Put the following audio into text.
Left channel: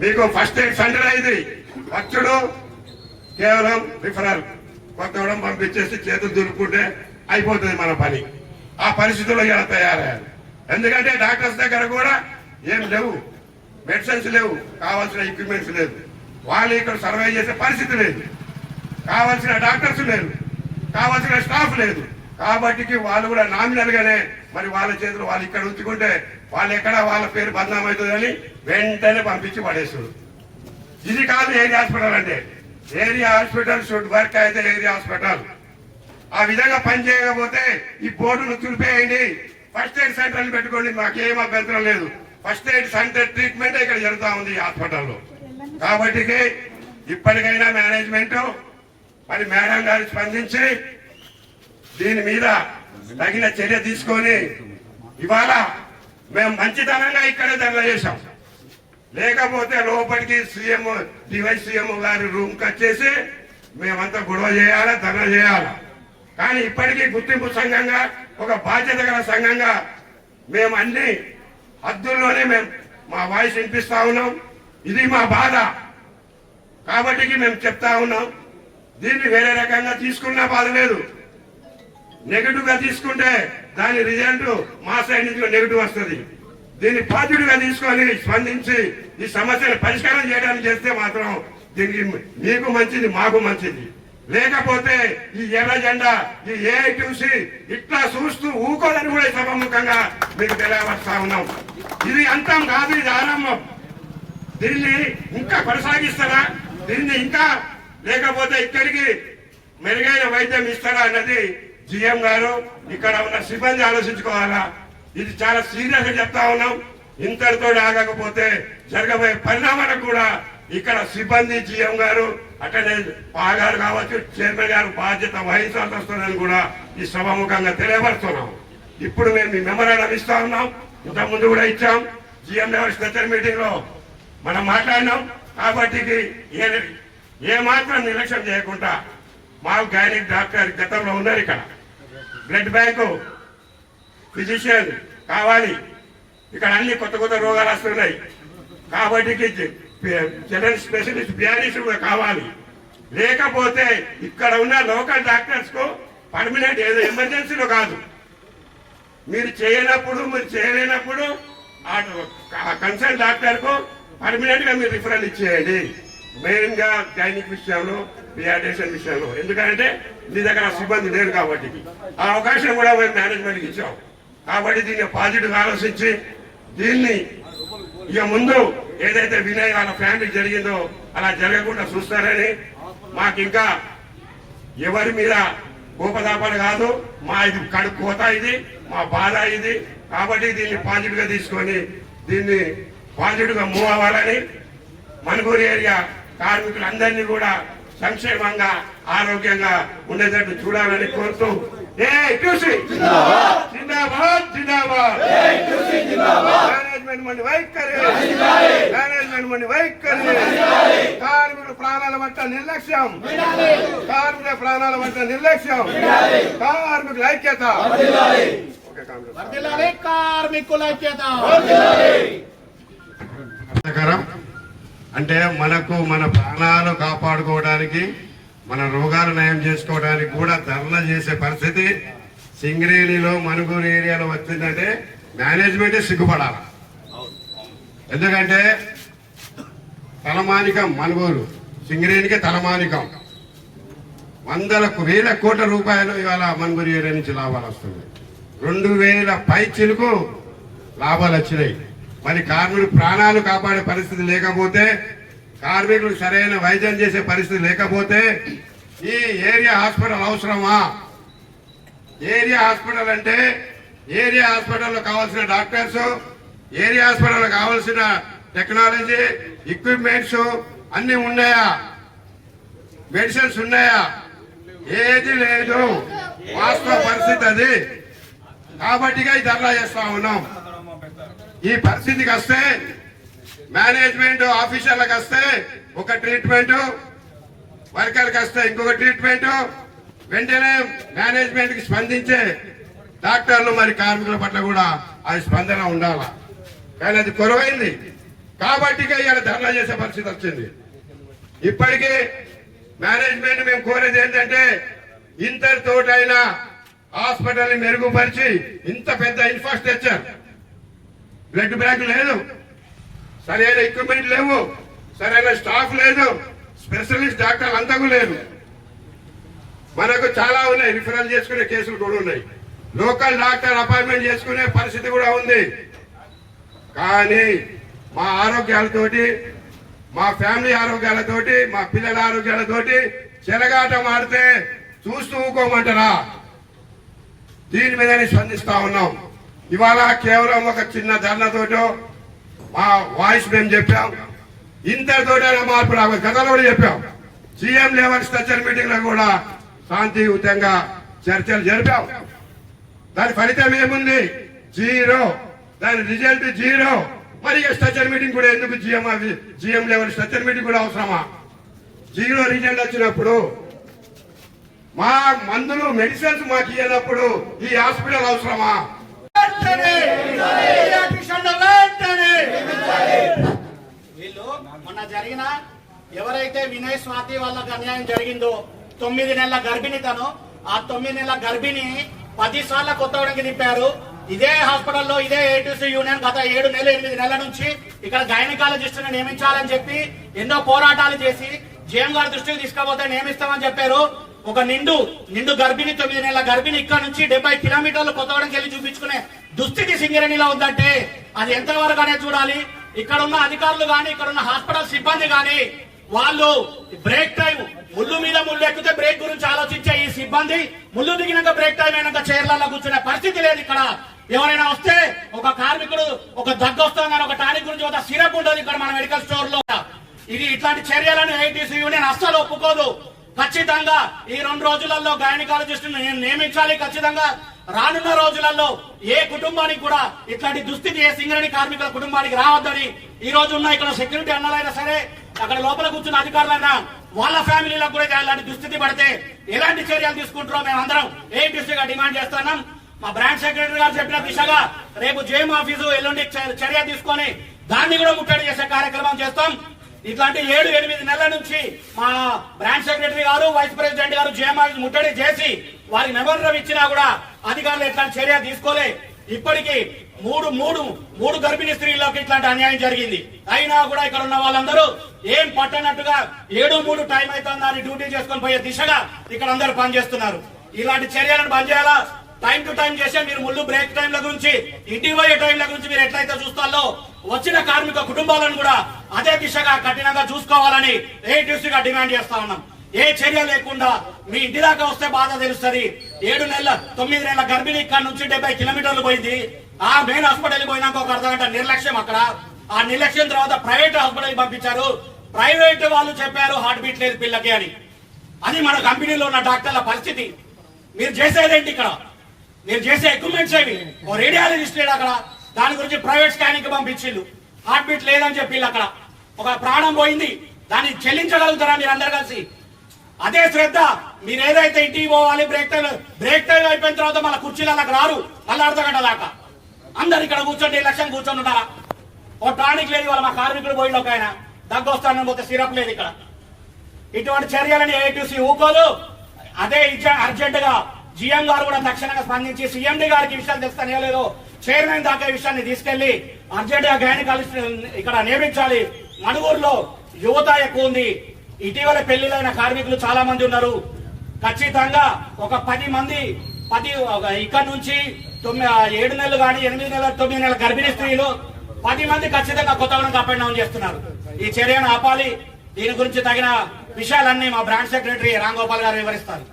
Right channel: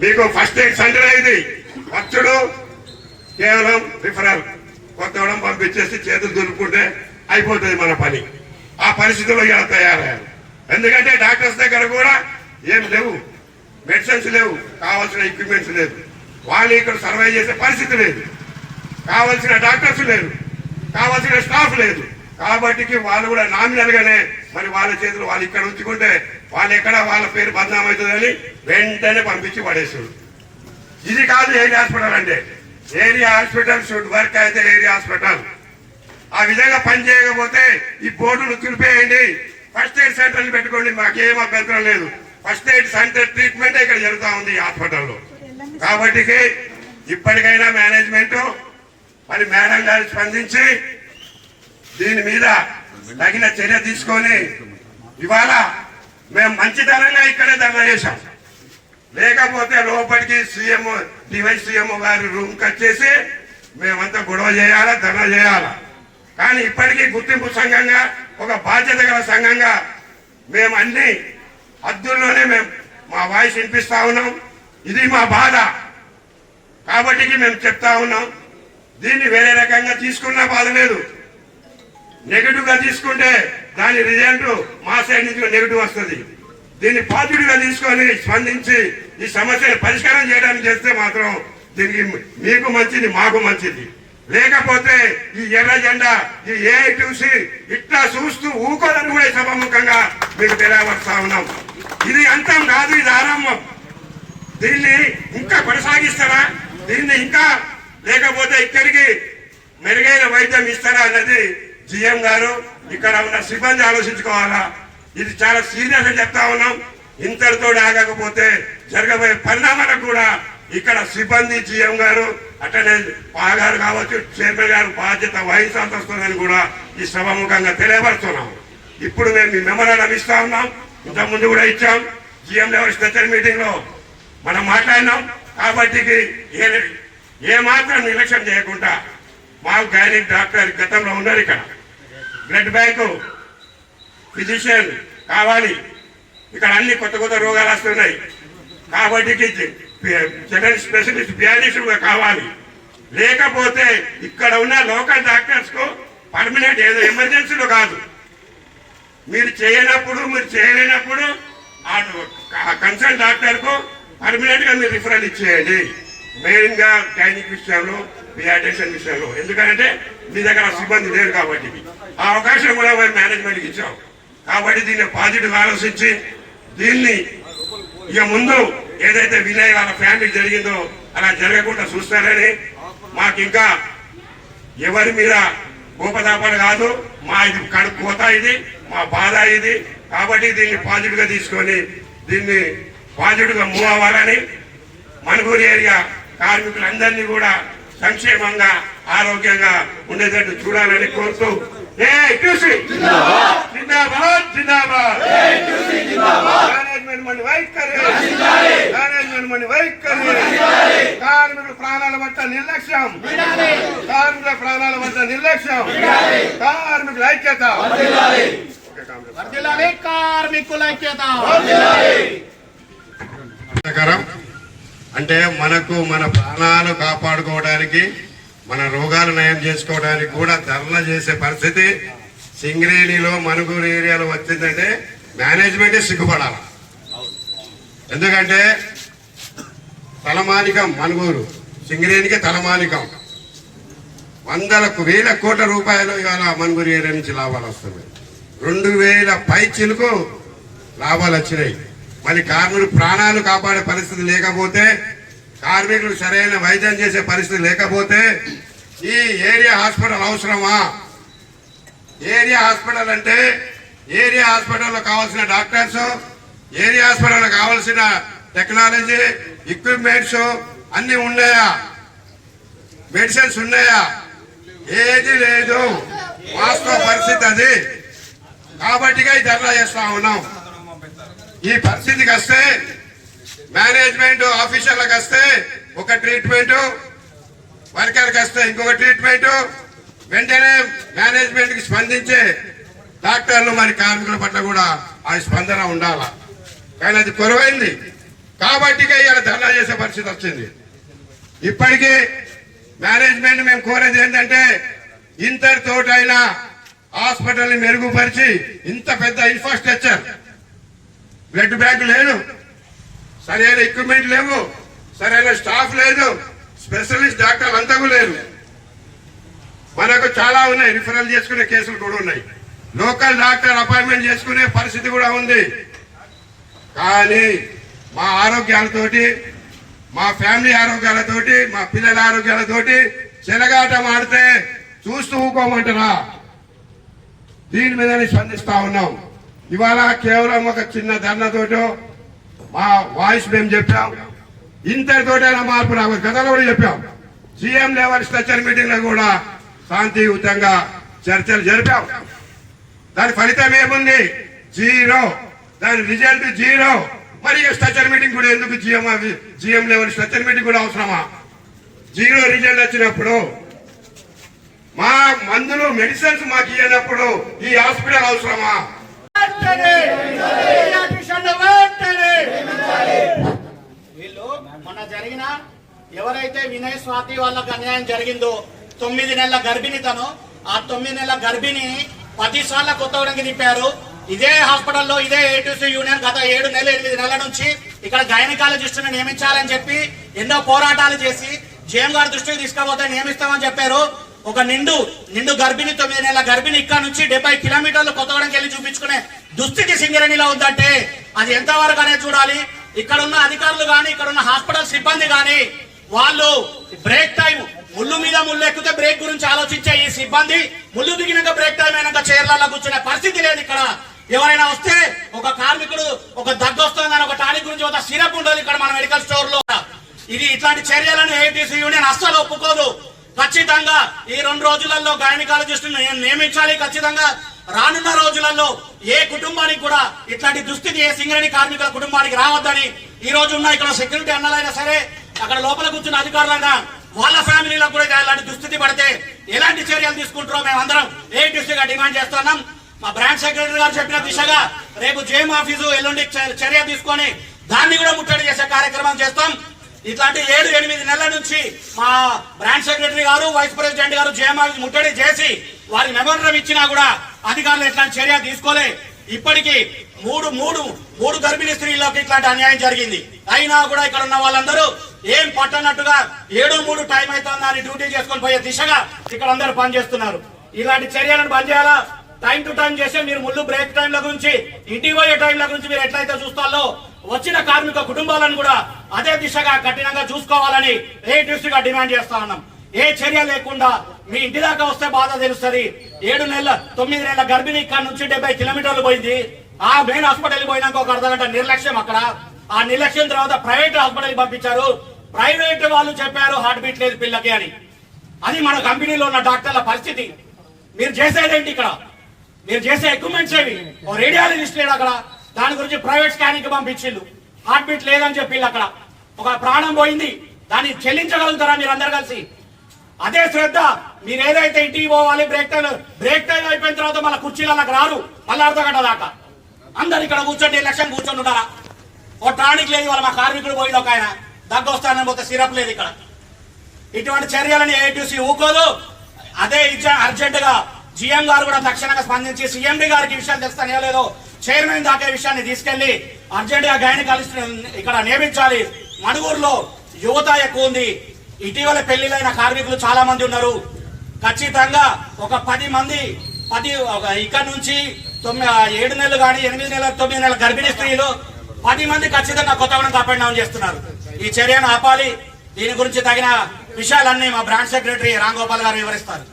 మీకు first aid centre అయింది. వచ్చుడు కేవలం రిఫరల్ కొత్తవడం పంపించేసి చేతులు దులుపుకుంటే అయిపోతుంది మన పని. ఆ పరిస్థితుల్లో ఇలా తయారయ్యారు. ఎందుకంటే డాక్టర్స్ దగ్గర కూడా ఏం లేవు. మెడిసిన్స్ లేవు. కావాల్సిన ఎక్విప్మెంట్స్ లేదు. వాళ్ళు ఇక్కడ సర్వే చేసే పరిస్థితి లేదు. కావాల్సిన డాక్టర్స్ లేరు. కావాల్సిన స్టాఫ్ లేదు. కాబట్టి వాళ్ళు కూడా నామినల్గానే మరి వాళ్ళ చేతులు వాళ్ళు ఇక్కడ ఉంచుకుంటే వాళ్ళు ఎక్కడ వాళ్ళ పేరు బదనామవుతుందని వెంటనే పంపించి పడేసాడు ఇది కాదు ఏరియా హాస్పిటల్ అంటే ఏరియా హాస్పిటల్ షుడ్ వర్క్ అయితే ఏరియా హాస్పిటల్? ఆ విధంగా పని చేయకపోతే ఈ బోర్డును తులిపేయండి ఫస్ట్ ఎయిడ్ సెంటర్ని పెట్టుకోండి మాకేం అభ్యంతరం లేదు. ఫస్ట్ ఎయిడ్ సెంటర్ ట్రీట్మెంట్ ఇక్కడ జరుగుతూ ఉంది ఈ హాస్పిటల్లో. కాబట్టి ఇప్పటికైనా మేనేజ్మెంట్ మరి మేడం గారు స్పందించి దీని మీద తగిన చర్య తీసుకొని ఇవాళ మేము మంచితనంగా ఇక్కడే ధర్నా చేశాం. లేకపోతే లోపలికి సీఎం డివైస్ సీఎం గారి రూమ్ వచ్చేసి మేమంతా గొడవ చేయాలా ధర్నా చేయాలా? కానీ ఇప్పటికీ గుర్తింపు సంఘంగా ఒక బాధ్యత గల సంఘంగా మేము అన్ని హద్దుల్లోనే మేము మా వాయిస్ వినిపిస్తా ఉన్నాం. ఇది మా బాధ. కాబట్టి మేము చెప్తా ఉన్నాం దీన్ని వేరే రకంగా తీసుకున్నా బాధ లేదు. నెగటివ్గా తీసుకుంటే దాని రిజల్ట్ మా సైడ్ నుంచి నెగటివ్ వస్తుంది. దీన్ని పాజిటివ్ తీసుకొని స్పందించి ఈ సమస్యను పరిష్కారం చేయడానికి చేస్తే మాత్రం దీనికి మీకు మంచిది మాకు మంచిది. లేకపోతే ఈ ఎర్ర జెండా ఈ ఏ చూసి ఇట్లా చూస్తూ ఊకోదని కూడా సభముఖంగా మీకు తెలియవస్తా ఉన్నాం. ఇది అంతం కాదు ఇది ఆరంభం. దీన్ని ఇంకా కొనసాగిస్తారా? దీన్ని ఇంకా లేకపోతే ఇక్కడికి మెరుగైన వైద్యం ఇస్తారా అన్నది జిఎం గారు ఇక్కడ ఉన్న సిబ్బంది ఆలోచించుకోవాలా? ఇది చాలా సీరియస్గా చెప్తా ఉన్నాం. ఇంతటితో ఆగకపోతే జరగబోయే పరిణామాలకు కూడా ఇక్కడ సిబ్బంది జీఎం గారు అట్లనే పాగారు కావచ్చు చైర్మన్ గారు బాధ్యత వహించాల్సి వస్తుందని కూడా ఈ సభాముఖంగా తెలియపరుస్తున్నాం. ఇప్పుడు మేము మీ మెమరాండం ఇస్తా ఉన్నాం. ఇంతకుముందు ముందు కూడా ఇచ్చాం. జిఎం లెవెల్ స్పెషల్ మీటింగ్లో మనం మాట్లాడినాం. కాబట్టి ఏ ఏ మాత్రం నిర్లక్ష్యం చేయకుండా మాకు గైనిక్ డాక్టర్ గతంలో ఉన్నారు ఇక్కడ. బ్లడ్ బ్యాంకు ఫిజిషియన్ కావాలి. ఇక్కడ అన్ని కొత్త కొత్త రోగాలు వస్తున్నాయి. కాబట్టి జనరల్ స్పెషలిస్ట్ పియానిస్ట్ కావాలి. లేకపోతే ఇక్కడ ఉన్న లోకల్ డాక్టర్స్కు పర్మనెంట్ ఏదో ఎమర్జెన్సీలో కాదు. మీరు చేయనప్పుడు మీరు చేయలేనప్పుడు కన్సల్ట్ డాక్టర్కు పర్మనెంట్గా మీరు రిఫరల్ ఇచ్చేయండి. మెయిన్గా గైనిక్ విషయంలో పియాటేషన్ విషయంలో. ఎందుకంటే మీ దగ్గర సిబ్బంది లేరు కాబట్టి. ఆ అవకాశం కూడా మేము మేనేజ్మెంట్కి కాబట్టి దీన్ని పాజిటివ్ ఆలోచించి దీన్ని ఇక ముందు ఏదైతే వినయ్ వాళ్ళ ఫ్యామిలీ జరిగిందో అలా జరగకుండా చూస్తారని మాకు ఇంకా ఎవరి మీద కోపదాపాలు కాదు మా ఇది కడుపు కోత ఇది మా బాధ ఇది. కాబట్టి దీన్ని పాజిటివ్గా తీసుకొని దీన్ని పాజిటివ్గా మూవ్ అవ్వాలని మణుగూరు ఏరియా కార్మికులందరినీ కూడా సంక్షేమంగా ఆరోగ్యంగా ఉండేటట్టు చూడాలని కోరుతూ జిందాబాద్. జిందాబాద్ మేనేజ్మెంట్ మండి వైఖరి. మేనేజ్మెంట్ మండి వైఖరి. కార్మికుల ప్రాణాల పట్ల నిర్లక్ష్యం. కార్మికుల ప్రాణాల పట్ల నిర్లక్ష్యం. కార్మికుల ఐక్యత. కార్మికుల ఐక్యత. అంటే మనకు మన ప్రాణాలు కాపాడుకోవడానికి మన రోగాలు నయం చేసుకోవడానికి కూడా ధర్నా చేసే పరిస్థితి సింగరేణిలో మనుగూరు ఏరియాలో వచ్చిందంటే మేనేజ్మెంటే సిగ్గుపడాలి. ఎందుకంటే తలమానికం మనుగోలు సింగరేణికి తలమానికం. వందలకు వేల కోట్ల రూపాయలు ఇవాళ మనుగూరు ఏరియా నుంచి లాభాలు వస్తున్నాయి. రెండు వేల పై చిలుకు లాభాలు వచ్చినాయి. మరి కార్మికులు ప్రాణాలు కాపాడే పరిస్థితి లేకపోతే కార్మికులకు సరైన వైద్యం చేసే పరిస్థితి లేకపోతే ఈ ఏరియా హాస్పిటల్ అవసరమా? ఏరియా హాస్పిటల్ అంటే ఏరియా హాస్పిటల్లో కావాల్సిన డాక్టర్స్ ఏరియా హాస్పిటల్లో కావాల్సిన టెక్నాలజీ ఎక్విప్మెంట్స్ అన్ని ఉన్నాయా? మెడిసిన్స్ ఉన్నాయా? ఏది లేదు. వాస్తవ పరిస్థితి అది. కాబట్టి ఈ ధర్నా చేస్తా ఉన్నాం. ఈ పరిస్థితికి వస్తే మేనేజ్మెంట్ ఆఫీసర్లకు వస్తే ఒక ట్రీట్మెంట్ వర్కర్కి వస్తే ఇంకొక ట్రీట్మెంట్. వెంటనే మేనేజ్మెంట్కి స్పందించే డాక్టర్లు మరి కార్మికుల పట్ల కూడా ఆ స్పందన ఉండాల. కానీ అది కొరవైంది. కాబట్టి ఇవాళ ధర్నా చేసే పరిస్థితి వచ్చింది. ఇప్పటికీ మేనేజ్మెంట్ మేము కోరేది ఏంటంటే ఇంతటితోటైనా హాస్పిటల్ని మెరుగుపరిచి ఇంత పెద్ద ఇన్ఫ్రాస్ట్రక్చర్. బ్లడ్ బ్యాంక్ లేదు. సరైన ఎక్విప్మెంట్ లేవు సరైన స్టాఫ్ లేదు స్పెషలిస్ట్ డాక్టర్లు అంతకు లేదు మనకు చాలా ఉన్నాయి రిఫరల్ చేసుకునే కేసులు కూడా ఉన్నాయి. లోకల్ డాక్టర్ అపాయింట్మెంట్ చేసుకునే పరిస్థితి కూడా ఉంది. కానీ మా ఆరోగ్యాలతోటి మా ఫ్యామిలీ ఆరోగ్యాలతోటి మా పిల్లల ఆరోగ్యాలతోటి చెలగాటం ఆడితే చూస్తూ ఊకోమంటారా? దీని మీదనే స్పందిస్తా ఉన్నాం. ఇవాళ కేవలం ఒక చిన్న ధర్నతోటో మా వాయిస్ మేము చెప్పాం. ఇంతటితోటైనా మార్పు రావు గతంలో కూడా చెప్పాం. సీఎం లెవెల్ స్ట్రక్చర్ మీటింగ్లో కూడా శాంతియుతంగా చర్చలు జరిపాం. దాని ఫలితం ఏముంది? జీరో. దాని రిజల్ట్ జీరో. మరి స్ట్రక్చర్ మీటింగ్ కూడా ఎందుకు GM GM level structure meeting కూడా అవసరమా? జీరో రిజల్ట్ వచ్చినప్పుడు మా మందులు మెడిసిన్స్ మాకు ఇవ్వనప్పుడు ఈ హాస్పిటల్ అవసరమా? వీళ్ళు మొన్న జరిగిన ఎవరైతే వినయ్ స్వాతి వాళ్ళకి అన్యాయం జరిగిందో తొమ్మిది నెలల గర్భిణి తను ఆ తొమ్మిది నెలల గర్భిణి పది సార్ల కొత్తగూడెంకి తిప్పారు ఇదే హాస్పిటల్లో ఇదే ఏటీసీ యూనియన్ గత ఏడు నెలలు ఎనిమిది నెలల నుంచి ఇక్కడ గైనకాలజిస్టును నియమించాలని చెప్పి ఎన్నో పోరాటాలు చేసి జేఎం గారి దృష్టికి తీసుకపోతే నియమిస్తామని చెప్పారు. ఒక నిండు నిండు గర్భిణి తొమ్మిది నెలల గర్భిణి ఇక్కడ నుంచి డెబ్బై కిలోమీటర్లు కొత్తగూడెంకి వెళ్ళి చూపించుకునే దుస్థితి సింగరేణిలో ఉందంటే అది ఎంతవరకు అనేది చూడాలి? ఇక్కడ ఉన్న అధికారులు కానీ ఇక్కడ ఉన్న హాస్పిటల్ సిబ్బంది కానీ వాళ్ళు బ్రేక్ టైం ముళ్ళు మీద ముళ్ళు ఎక్కితే బ్రేక్ గురించి ఆలోచించే ఈ సిబ్బంది ముళ్ళు దిగినాక బ్రేక్ టైం అయినాక చైర్లలో కూర్చునే పరిస్థితి లేదు ఇక్కడ. ఎవరైనా వస్తే ఒక కార్మికుడు ఒక దగ్గు వస్తుందని ఒక టానిక్ గురించి ఒక సిరప్ ఉండదు ఇక్కడ మన మెడికల్ స్టోర్లో ఇది ఇట్లాంటి చర్యలను ఏటీసీ యూనియన్ అస్సలు ఒప్పుకోదు. ఖచ్చితంగా ఈ రెండు రోజులలో గైనకాలజిస్ట్ నియమించాలి. ఖచ్చితంగా రానున్న రోజులలో ఏ కుటుంబానికి కూడా ఇట్లాంటి దుస్థితి ఏ సింగరేణి కార్మికుల కుటుంబానికి రావద్దని ఈ రోజు ఉన్న ఇక్కడ సెక్యూరిటీ అన్నలైనా సరే అక్కడ లోపల కూర్చున్న అధికారులైనా వాళ్ళ ఫ్యామిలీలకు కూడా ఇలాంటి దుస్థితి పడితే ఎలాంటి చర్యలు తీసుకుంటారో మేమందరం ఏటీసీగా డిమాండ్ చేస్తున్నాం. మా బ్రాంచ్ సెక్రటరీ గారు చెప్పిన దిశగా రేపు జేఎం ఆఫీసు ఎల్లుండి చ- చర్య తీసుకొని దాన్ని కూడా ముట్టడి చేసే కార్యక్రమం చేస్తాం. ఇట్లాంటి ఏడు ఎనిమిది నెలల నుంచి మా బ్రాంచ్ సెక్రటరీ గారు వైస్ ప్రెసిడెంట్ గారు జేఎం ఆఫీస్ ముట్టడి చేసి వారి మెమోరం ఇచ్చినా కూడా అధికారులు ఇట్లాంటి చర్య తీసుకోలే. ఇప్పటికీ మూడు మూడు మూడు గర్భిణీ స్త్రీలకు ఇట్లాంటి అన్యాయం జరిగింది. అయినా కూడా ఇక్కడ ఉన్న వాళ్ళందరూ ఏం పట్టనట్టుగా ఏడు మూడు టైం అవుతుందా అని డ్యూటీ చేసుకొని పోయే దిశగా ఇక్కడ అందరూ పనిచేస్తున్నారు. ఇలాంటి చర్యలను బంద్ చేయాలా? టైం టు టైం చేస్తే మీరు ముళ్ళు బ్రేక్ టైంల గురించి ఇంటికి పోయే టైంల గురించి మీరు ఎట్లయితే చూస్తారో వచ్చిన కార్మిక కుటుంబాలను కూడా అదే దిశగా కఠినంగా చూసుకోవాలని ఏ గా డిమాండ్ చేస్తా ఉన్నాం. ఏ చర్య లేకుండా మీ ఇంటి దాకా వస్తే బాధ తెలుస్తుంది. ఏడు నెలల తొమ్మిది నెలల గర్భిణి ఇక్కడ నుంచి డెబ్బై కిలోమీటర్లు పోయింది. ఆ మెయిన్ హాస్పిటల్ పోయినాక ఒక అర్ధ గంట నిర్లక్ష్యం అక్కడ. ఆ నిర్లక్ష్యం తర్వాత ప్రైవేట్ హాస్పిటల్ పంపించారు. ప్రైవేట్ వాళ్ళు చెప్పారు హార్ట్ బీట్ లేదు పిల్లకి అని. అది మన కంపెనీలో ఉన్న డాక్టర్ల పరిస్థితి. మీరు చేసేదేంటి ఇక్కడ? మీరు చేసే ఎక్విప్మెంట్స్ ఏవి? ఓ రేడియాలజిస్ట్ లేడు అక్కడ. దాని గురించి ప్రైవేట్ స్కానింగ్ పంపించిండు. హార్ట్ బీట్ లేదని చెప్పి అక్కడ. ఒక ప్రాణం పోయింది. దాన్ని చెల్లించగలుగుతారా మీరు అందరు కలిసి? అదే శ్రద్ధ. మీరు ఏదైతే ఇంటికి పోవాలి బ్రేక్ టైం బ్రేక్ టైం అయిపోయిన తర్వాత మళ్ళీ కుర్చీలకు రారు. మళ్ళీ అర్ధగంట దాకా. అందరు ఇక్కడ కూర్చోండి లక్ష్యం కూర్చొని ఉంటారా ఓ టానిక్ లేదు వాళ్ళ మా కార్మికుడు పోయిండు ఒక ఆయన. దగ్గు వస్తానని పోతే సిరప్ లేదు ఇక్కడ. ఇటువంటి చర్యలని ఏటీసీ ఊకోదు. అదే అర్జెంట్గా జిఎం గారు కూడా తక్షణంగా స్పందించి సీఎండి గారికి విషయాలు తెలుస్తానే లేదో చైర్మన్ దాకా విషయాన్ని తీసుకెళ్ళి అర్జెంట్గా గైనకాలజిస్ట్ ఇక్కడ నియమించాలి. మణుగూరులో యువత ఎక్కువ ఉంది. ఇటీవల పెళ్ళిలైన కార్మికులు చాలా మంది ఉన్నారు. ఖచ్చితంగా ఒక పది మంది పది ఒక ఇక్కడ నుంచి తొమ్మిది ఏడు నెలలు కానీ ఎనిమిది నెలల తొమ్మిది నెలల గర్భిణీ స్త్రీలు పది మంది ఖచ్చితంగా కొత్తగూడెం అప్ అండ్ డౌన్ చేస్తున్నారు ఈ చర్యను ఆపాలి. దీని గురించి తగిన విషయాలన్నీ మా బ్రాంచ్ సెక్రటరీ రామ్ గోపాల్ గారు వివరిస్తారు.